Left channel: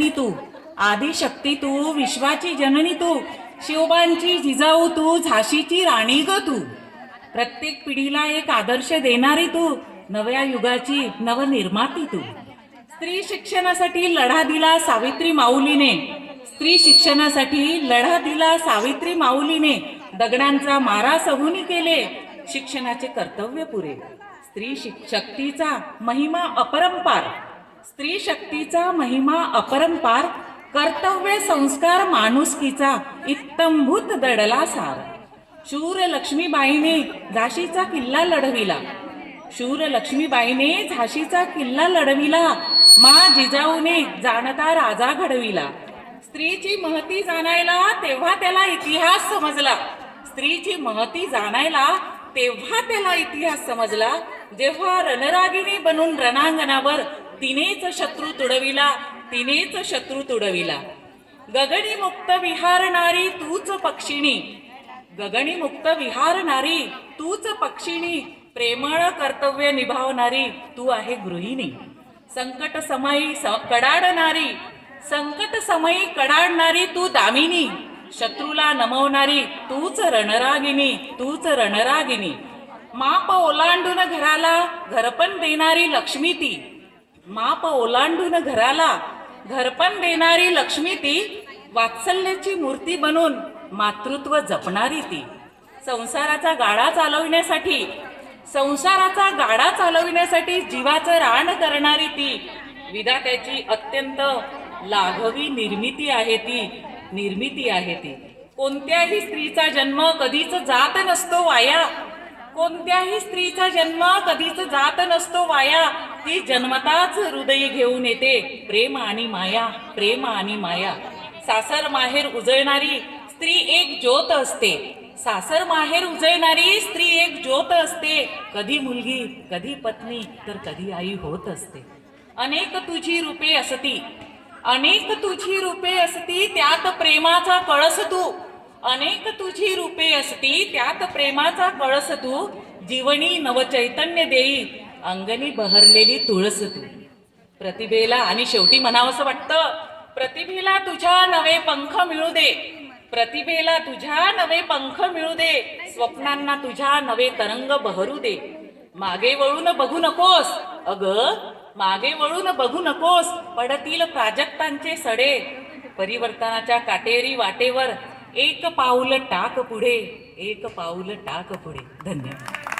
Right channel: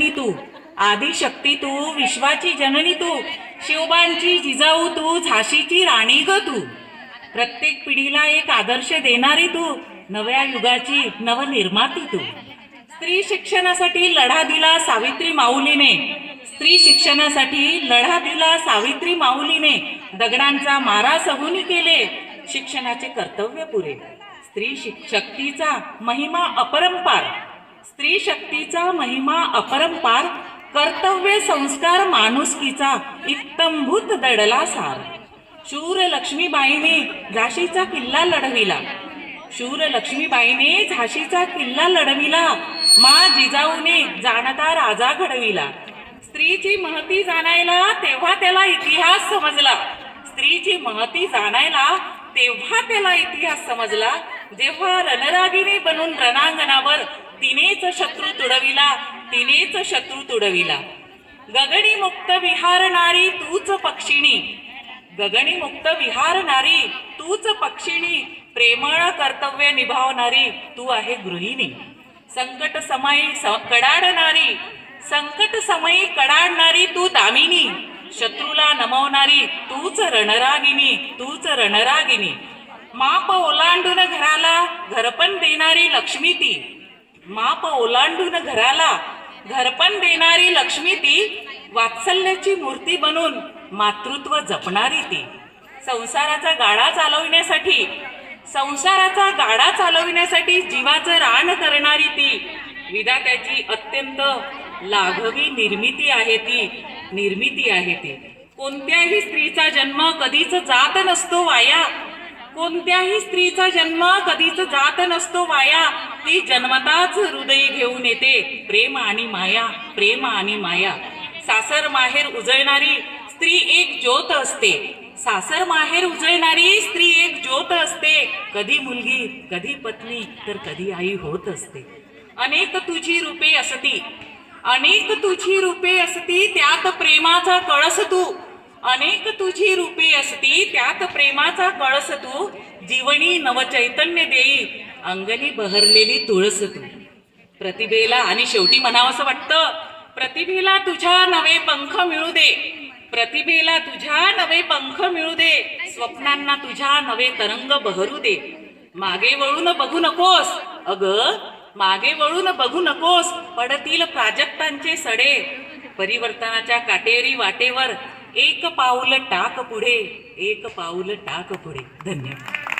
तू आदिशक्ती, तू विश्वाची जननी, तू शिवबांची जिजाऊ, तू झाशीची राणी ग तू. प्रत्येक पिढीला एक आदर्श देणारी तू, नव्या युगाची नवनिर्माती तू. स्त्री शिक्षणासाठी लढा दिला सावित्री माऊलीने, स्त्री शिक्षणासाठी लढा दिला सावित्री माऊलीने. दगडांचा मारा सहून केले शिक्षणाचे कर्तव्य पुरे. स्त्री शक्तीचा महिमा अपरंपार, स्त्री शक्तीचा महिमा अपरंपार. कर्तव्य संस्कार माणुसकीचा इत्तंभूत दडला सार. शूर लक्ष्मीबाईने झाशीचा किल्ला लढविला, शूर लक्ष्मीबाईने झाशीचा किल्ला लढविला. मा जिजाऊने जाणता राजा घडविला. स्त्रीची महती जाणायला तेव्हा त्याला इतिहास समजला, स्त्रीची महती जाणायला तेव्हा त्याला इतिहास समजला. जेव्हा रणरागिणी बनून रणांगणावर तिनेच शत्रू तुडविला, तिनेच शत्रू तुडविला. गगनी मुक्त विहारणारी तूच पक्षिणी, गगनी मुक्त विहारणारी तूच पक्षिणी. प्रेमळ कर्तव्य निभावणारी तू आहे गृहिणी. संकट समयी कडाडणारी, संकट समयी कडाडणारी तू दामिनी. शत्रूला नमवणारी तूच रणरागिनी, तूच रणरागिनी. माप ओलांडून घराला घरपण देणारी लक्ष्मी ती, माप ओलांडून घराला घरपण देणारी लक्ष्मी ती. वात्सल्याची मूर्ती बनून मातृत्व जपणारी ती. संसाराचा गाडा चालविण्यासाठी, संसाराचा गाडा चालविण्यासाठी जीवाचं रान करणारी ती. विधात्याची अत्यंत लाघवी निर्मिती आहे ती, निर्मिती आहे ती. कोणत्याही स्त्रीचा जन्म कधीच जात नसतो वाया, कोणत्याही स्त्रीचा जन्म कधीच जात नसतो वाया. ती जन्मताच हृदयी घेऊन येते प्रेम आणि माया, प्रेम आणि माया. सासर माहेर उजळणारी स्त्री एक ज्योत असते, सासर माहेर उजळणारी स्त्री एक ज्योत असते. कधी मुलगी, कधी पत्नी, तर कधी आई होत असते. अनेक तुझी रूपे असती, अनेक तुझी रूपे असती, त्यात प्रेमाचा कळस तू. अनेक तुझी रूपे असती, त्यात प्रेमाचा कळस तू. जीवनी नवचैतन्य देई अंगणी बहरलेली तुळस तू. प्रतिभेला आणि शेवटी म्हणावंसं वाटतं, प्रतिभेला तुझ्या नवे पंख मिळू दे, प्रतिभेला तुझ्या नवे पंख मिळू दे. स्वप्नांना तुझ्या नवे तरंग बहरू दे. मागे वळून बघू नकोस, अग मागे वळून बघू नकोस. पडतील प्राजक्तांचे सडे, परिवर्तनाच्या काटेरी वाटेवर एक पाऊल टाक पुढे, एक पाऊल टाक पुढे. धन्यवाद.